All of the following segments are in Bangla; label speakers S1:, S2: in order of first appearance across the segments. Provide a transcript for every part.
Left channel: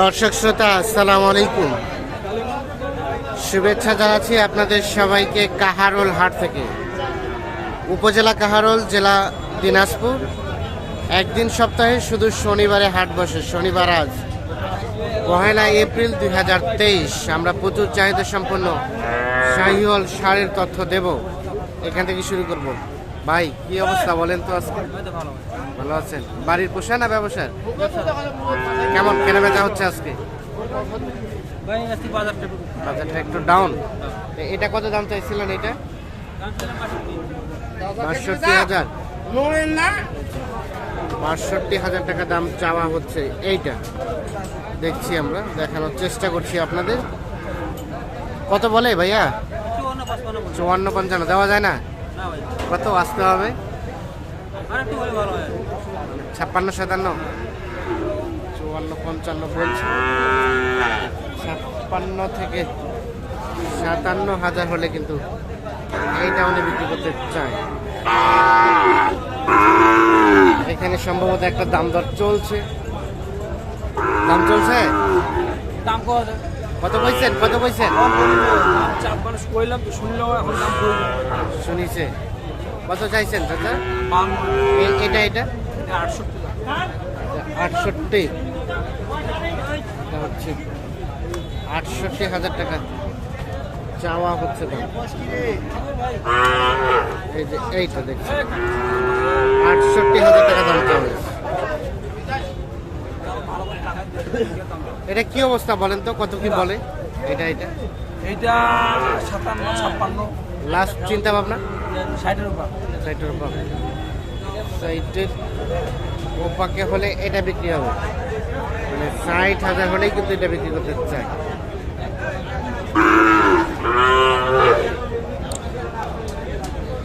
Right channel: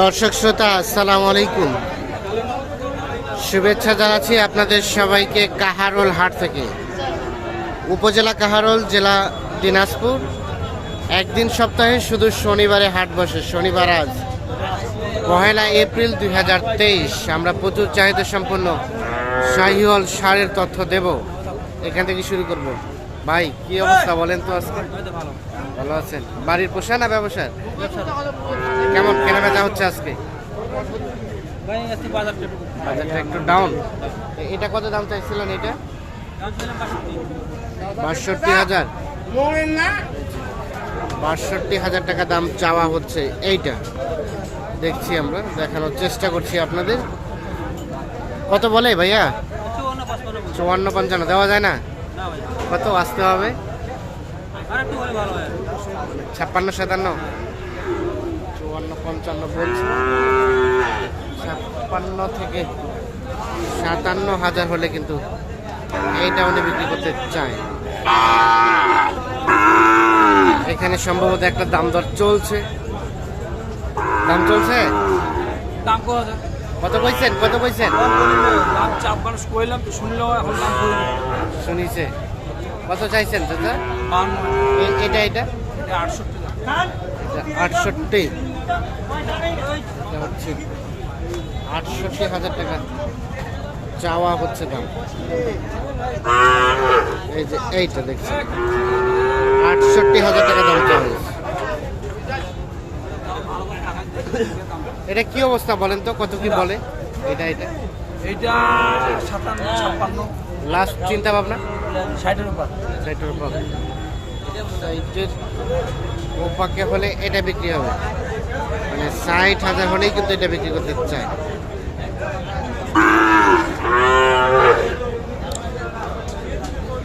S1: দর্শক শ্রোতা, আসসালামু আলাইকুম। শুভেচ্ছা জানাচ্ছি আপনাদের সবাইকে কাহারোল হাট থেকে। উপজেলা কাহারোল, জেলা দিনাজপুর। একদিন সপ্তাহে শুধু শনিবারে হাট বসে, শনিবার আজ। পহেলা এপ্রিল দুই হাজার তেইশ, আমরা প্রচুর চাহিদা সম্পন্ন শাহিওয়াল সারের তথ্য দেব। এখান থেকে শুরু করব। ভাই কি অবস্থা বলেন তো আজকে? ভালো আছেন? বাড়ির পোষা না ব্যবসার? কেমন কেনা বেচা হচ্ছে আজকে?
S2: বাজারটা একটু
S1: ডাউন এটা কত দাম চাইছিলেন এটা?
S2: বাষট্টি।
S1: হাজার? বাষট্টি হাজার টাকা দাম চাওয়া হচ্ছে এইটা। দেখছি আমরা দেখানোর চেষ্টা করছি আপনাদের। কত বলে ভাইয়া? চুয়ান্ন পঞ্চান্ন দেওয়া যায় না? কত আসতে হবে। মানে ছাপ্পান্ন সাতান্ন? চুয়ান্ন পঞ্চান্ন বলছি। ছাপ্পান্ন থেকে সাতান্ন হাজার হলে কিন্তু এইটা উনি বিক্রি করতে চায়। এখানে সম্ভবত একটা দাম দর চলছে। দাম চলছে?
S2: দাম কত
S1: কইছেন? কত কইছেন? শুনিছে। কত চাইছেন চাচা? এটা এটা?
S2: এটা আটষট্টি
S1: আটষট্টি। এটা হচ্ছে আটষট্টি হাজার টাকা। চাওয়া হচ্ছে দাম। এই যে এইটা দেখছি আটষট্টি হাজার টাকা দাম চাওয়া হয়েছে। এটা কি অবস্থা বলেন তো? কত কি বলে? এটা এটা?
S2: এইটা সাতান্ন ছাপ্পান্ন।
S1: লাস্ট চিন্তা ভাবনা
S2: ষাটের উপর।
S1: সাইটের ওপাকে হলে এটা বিক্রি হবে। মানে ষাট হাজার হলেই কিন্তু এটা বিক্রি করতে চায়।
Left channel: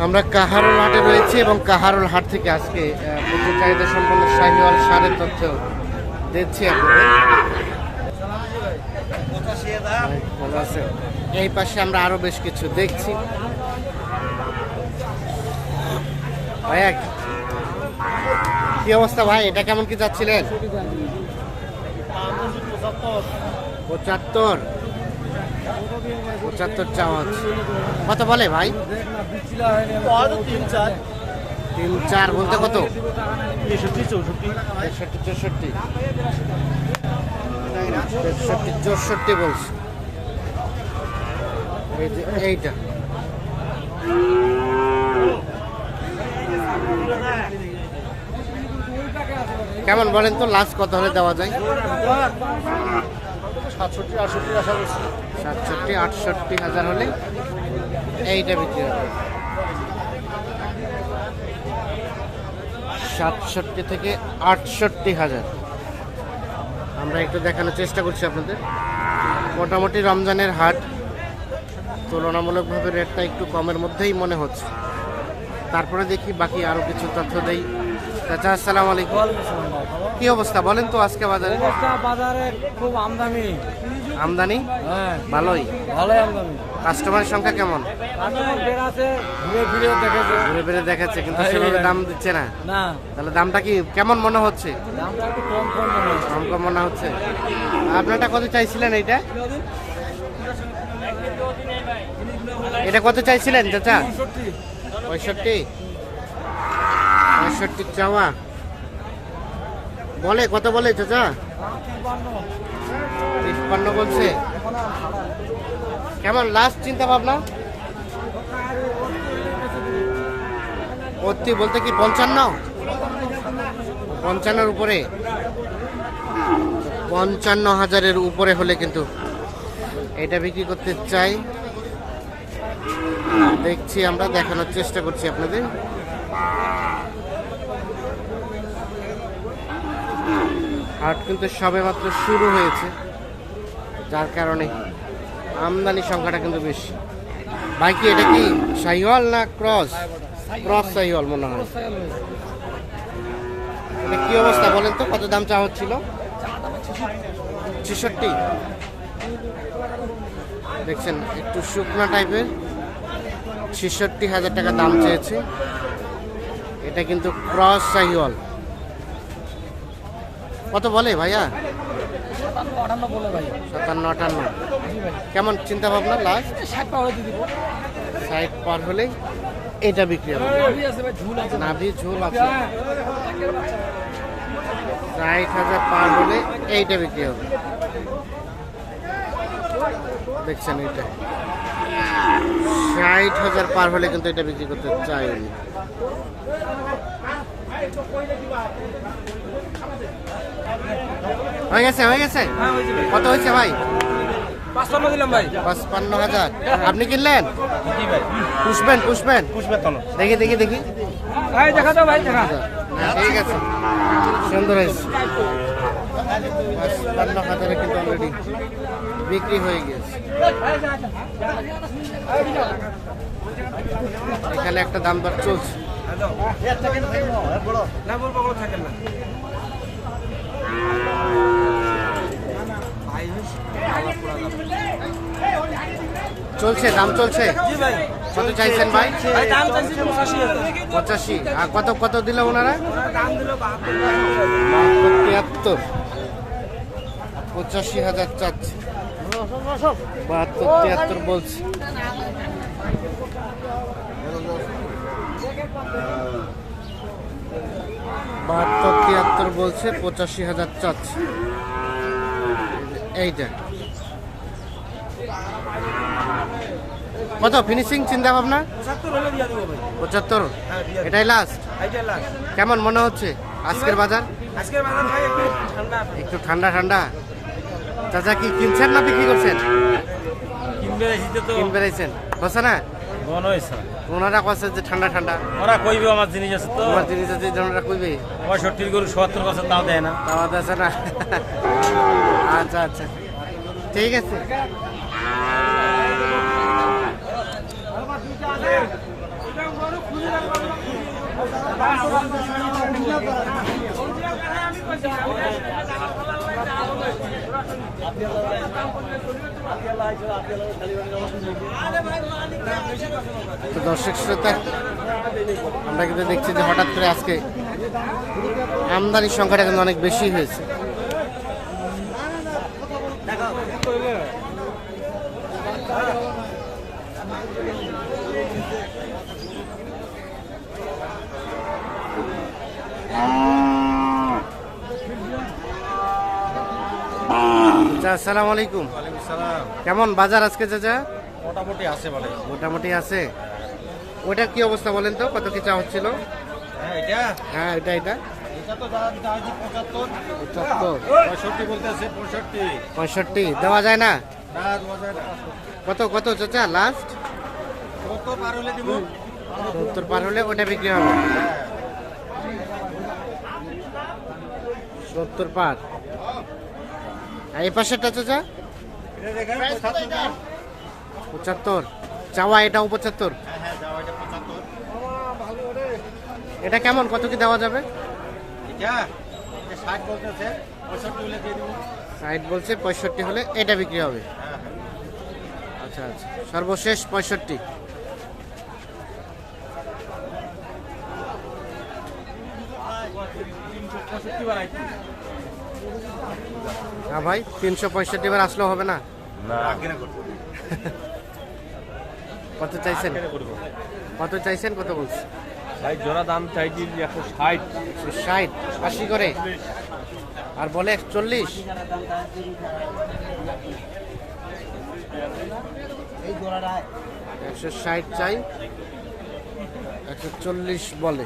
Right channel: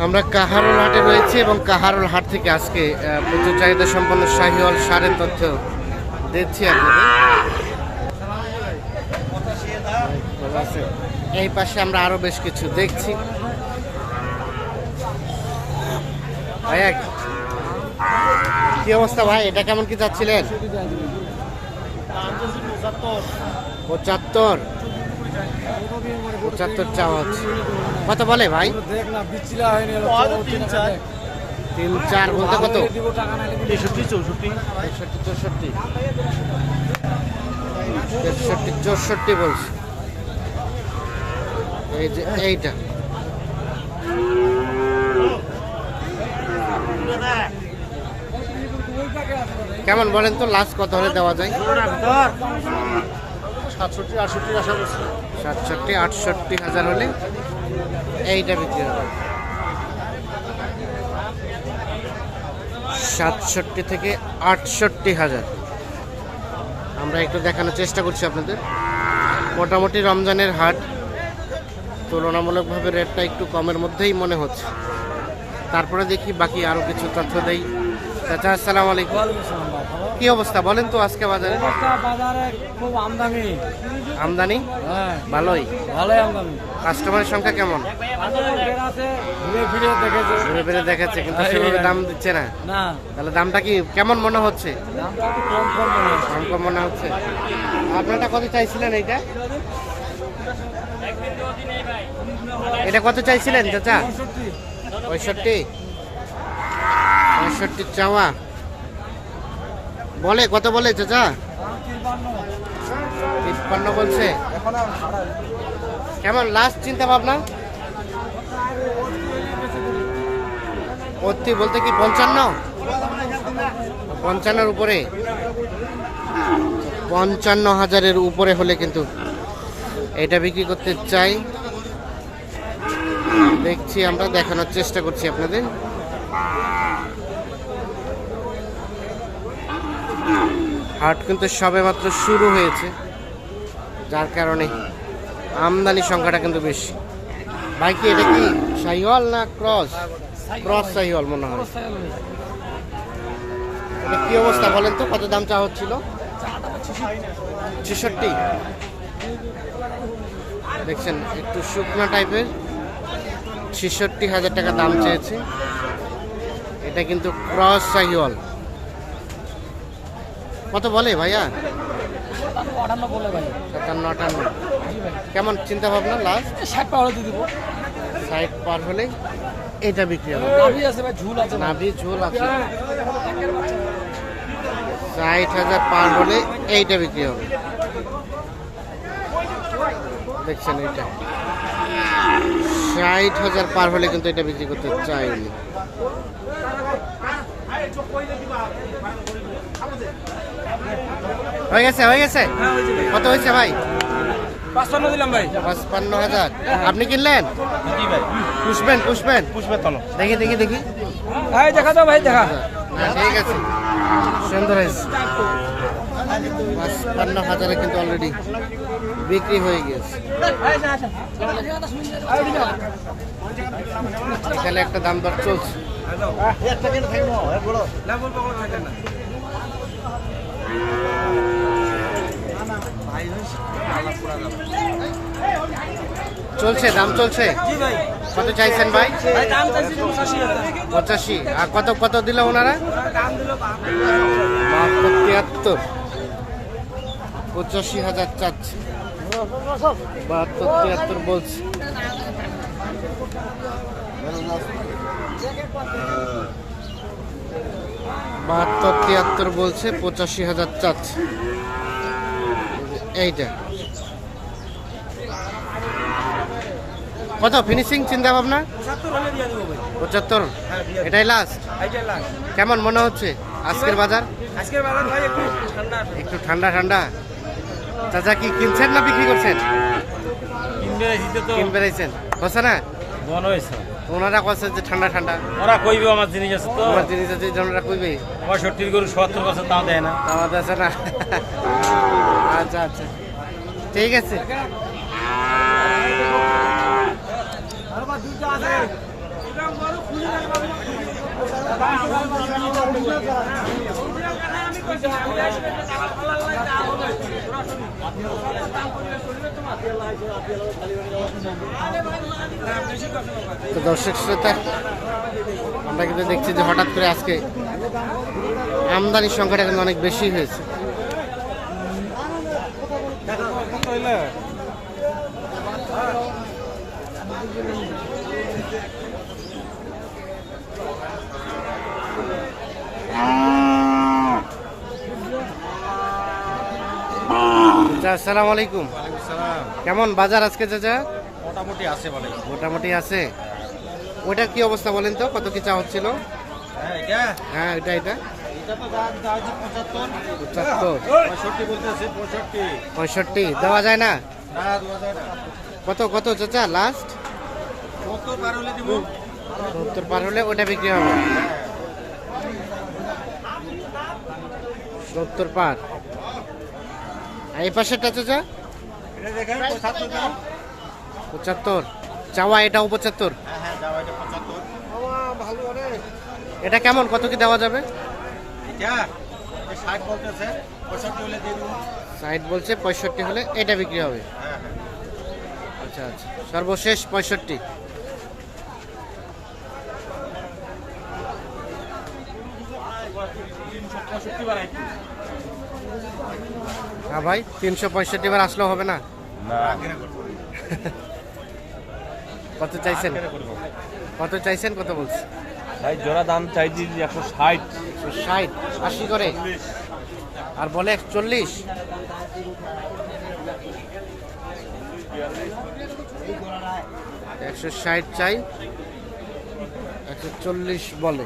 S1: আমরা কাহারোল হাটে রয়েছি এবং কাহারোল হাট থেকে আজকে প্রচুর চাহিদা সম্পন্ন শাহিওয়াল সারের তথ্য দিচ্ছি আপনাদের। এই পাশে আমরা আরও বেশ কিছু দেখছি। ভাইয়া কি অবস্থা ভাই? এটা কেমন কি চাচ্ছিলেন পঁচাত্তর। পঁচাত্তর চাওয়া হচ্ছে। কত বলে ভাই?
S2: তিন চার
S1: বলতে কত?
S2: তেষট্টি চৌষট্টি।
S1: তেষট্টি চৌষট্টি। তেষট্টি চৌষট্টি বলছে। এই যে এইটা। কেমন বলেন তো লাস্ট কত হলে দেওয়া যায়?
S2: সাতষট্টি আটষট্টি আশা করছি।
S1: সাতষট্টি আটষট্টি হাজার হলে এইটা বিক্রি হবে। সাতষট্টি থেকে আটষট্টি হাজার। আমরা একটু দেখানোর চেষ্টা করছি আপনাদের। মোটামুটি রমজানের হাট তুলনামূলকভাবে রেটটা একটু কমের মধ্যেই মনে হচ্ছে। তারপরে দেখি বাকি আরও কিছু তথ্য দেই। চাচা আসসালামু আলাইকুম। কি অবস্থা? বলেন তো আজকে বাজারে।
S2: বাজারে খুব আমদামি
S1: আমদানি?
S2: হ্যাঁ।
S1: ভালোই।
S2: ভালোই আমদামি
S1: কাস্টমারের সংখ্যা কেমন?
S2: ঘুরে ফিরে দেখেছে।
S1: দেখাচ্ছে কিন্তু সেভাবে দাম দিচ্ছে না। তাহলে দামটা কি কেমন মনে হচ্ছে?
S2: মনে
S1: কম কম মনে হচ্ছে। আপনারটা কত চাইছিলেন এইটা? এটা কত চাইছিলেন চাচা? পঁয়ষট্টি। পঁয়ষট্টি চাওয়া। বলে, কত বলে চাচা? তিপ্পান্ন বলছে। কেমন লাস্ট চিন্তা ভাবনা? অতি বলতে কি পঞ্চান্ন? পঞ্চান্নর উপরে। পঞ্চান্ন হাজারের উপরে হলে কিন্তু এটা বিক্রি করতে চাই। দেখছি, আমরা দেখানোর চেষ্টা করছি আপনাদের। হাট কিন্তু সবে মাত্র শুরু হয়েছে, যার কারণে আমদানি সংখ্যাটা কিন্তু বেশি। বাইকে এটা কি সাইওয়াল না ক্রস? ক্রস সাইওয়াল মনে হয়। এটা কি অবস্থা বলেন তো, কত দাম চাওয়া হচ্ছিল? ছেষট্টি। দেখছেন, একটু শুকনা টাইপের। ছেষট্টি হাজার টাকা দাম চেয়েছে। এটা কিন্তু ক্রস সাহিওয়াল কত বলে ভাইয়া?
S2: সাতান্ন আটান্ন বলে ভাই।
S1: সাতান্ন আটান্ন। কেমন চিন্তা ভাবনা লাস্ট
S2: ষাট দিব।
S1: পার হলেই এটা বিক্রি হবে।
S2: নাভি ঝুল আছে।
S1: নাভি ঝোল আছে। ষাট হাজার পার হলে এইটা বিক্রি হবে। দেখছেন এইটা। ষাট হাজার পার হলে কিন্তু এটা বিক্রি করতে চাই উনি হয়ে গেছে হয়ে গেছে। কত হয়েছে ভাই?
S2: পাঁচপান্ন দিলাম ভাই।
S1: পাঁচপান্ন হাজার। আপনি কিনলেন?
S2: জি ভাই।
S1: পুষবেন পুষবেন?
S2: পুষবে তলো
S1: দেখি দেখি দেখি।
S2: ভাই দেখা দে ভাই দেখা।
S1: না ঠিক আছে। সুন্দর হয়েছে। পাঁচপান্ন হাজারে কিন্তু অলরেডি বিক্রি হয়ে গেছে। এখানে একটা দাম দর চলছে। চলছে, দাম চলছে? কত চাইছেন ভাই?
S2: পঁচাশি।
S1: আর কত কত দিল ওনারা? তিয়াত্তর পঁচাশি হাজার চাচ্ছে। বাহাত্তর, তিয়াত্তর বলছে। বাহাত্তর তিয়াত্তর বলছে পঁচাশি হাজার চাচ্ছে। এইটা। কত? ফিনিশিং চিন্তা ভাবনা
S2: পঁচাত্তর? হ্যাঁ
S1: এটাই লাস্ট কেমন মনে হচ্ছে? আজকের বাজার?
S2: একটু ঠান্ডা
S1: ঠান্ডা চাচা কি কিনছেন না বিক্রি করছেন?
S3: কিনবে হিসে
S1: কিন বেড়াইছেন হচ্ছে না?
S3: মন হয়েছে।
S1: ওনারা কছে যে ঠান্ডা ঠান্ডা।
S3: ওরা কইবে আমার জিনিস আছে তো।
S1: তোমার জিনিস আছে ওনারা কইবে।
S3: পঁয়ষট্টির গরু সত্তর কাছে তাও দেয় না।
S1: তাও আছে না। আচ্ছা আচ্ছা। ঠিক আছে। তো দর্শক শ্রোতা, আমরা কিন্তু দেখছি যে হঠাৎ করে আজকে আমদানির সংখ্যাটা কিন্তু অনেক বেশি হয়েছে। চাচা আসসালামু আলাইকুম কেমন বাজার আজকে চাচা?
S3: মোটামুটি আছে বলে
S1: মোটামুটি আছে। ওইটা কি অবস্থা বলেন তো? কত কি চা হচ্ছিল?
S3: হ্যাঁ এটা?
S1: হ্যাঁ এটা
S3: পঁয়ষট্টি
S1: দেওয়া যায় না? কত কত চাচা লাস্ট
S3: কত পার হলে
S1: সত্তর পার হলে ওটা বিক্রি হবে। সত্তর পার। আর এই পাশেরটা চাচা
S3: পঁচাত্তর।
S1: চাওয়া এটাও পঁচাত্তর?
S3: এটা
S1: কেমন? কত কি দেওয়া যাবে? সাইড বলছে, পঁয়ষট্টি হলে এটা বিক্রি হবে। আচ্ছা আচ্ছা। সর্বশেষ পঁয়ষট্টি।
S3: পঁয়ষট্টি
S1: হ্যাঁ ভাই তিনশো পঁয়ষট্টি বার আসলেও হবে না? কত চাইছেন? কত চাইছেন কত বলছে
S3: ভাই জোড়া দাম চাইছি একশো ষাট।
S1: ষাট আশি করে। আর বলে একচল্লিশ। একশো ষাট চাই একশো চল্লিশ বলে।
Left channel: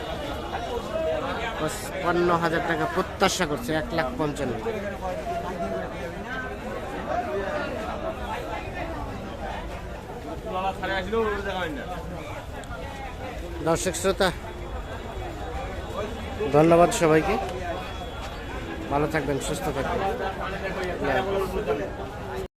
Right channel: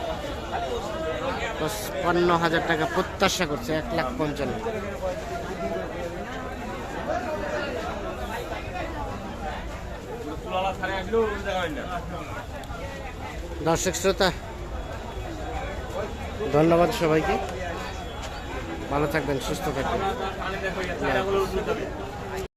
S1: পঁচপান্ন হাজার টাকা প্রত্যাশা করছে, এক লাখ পঞ্চান্ন। দর্শক শ্রোতা, ধন্যবাদ সবাইকে। ভালো থাকবেন, সুস্থ থাকবেন।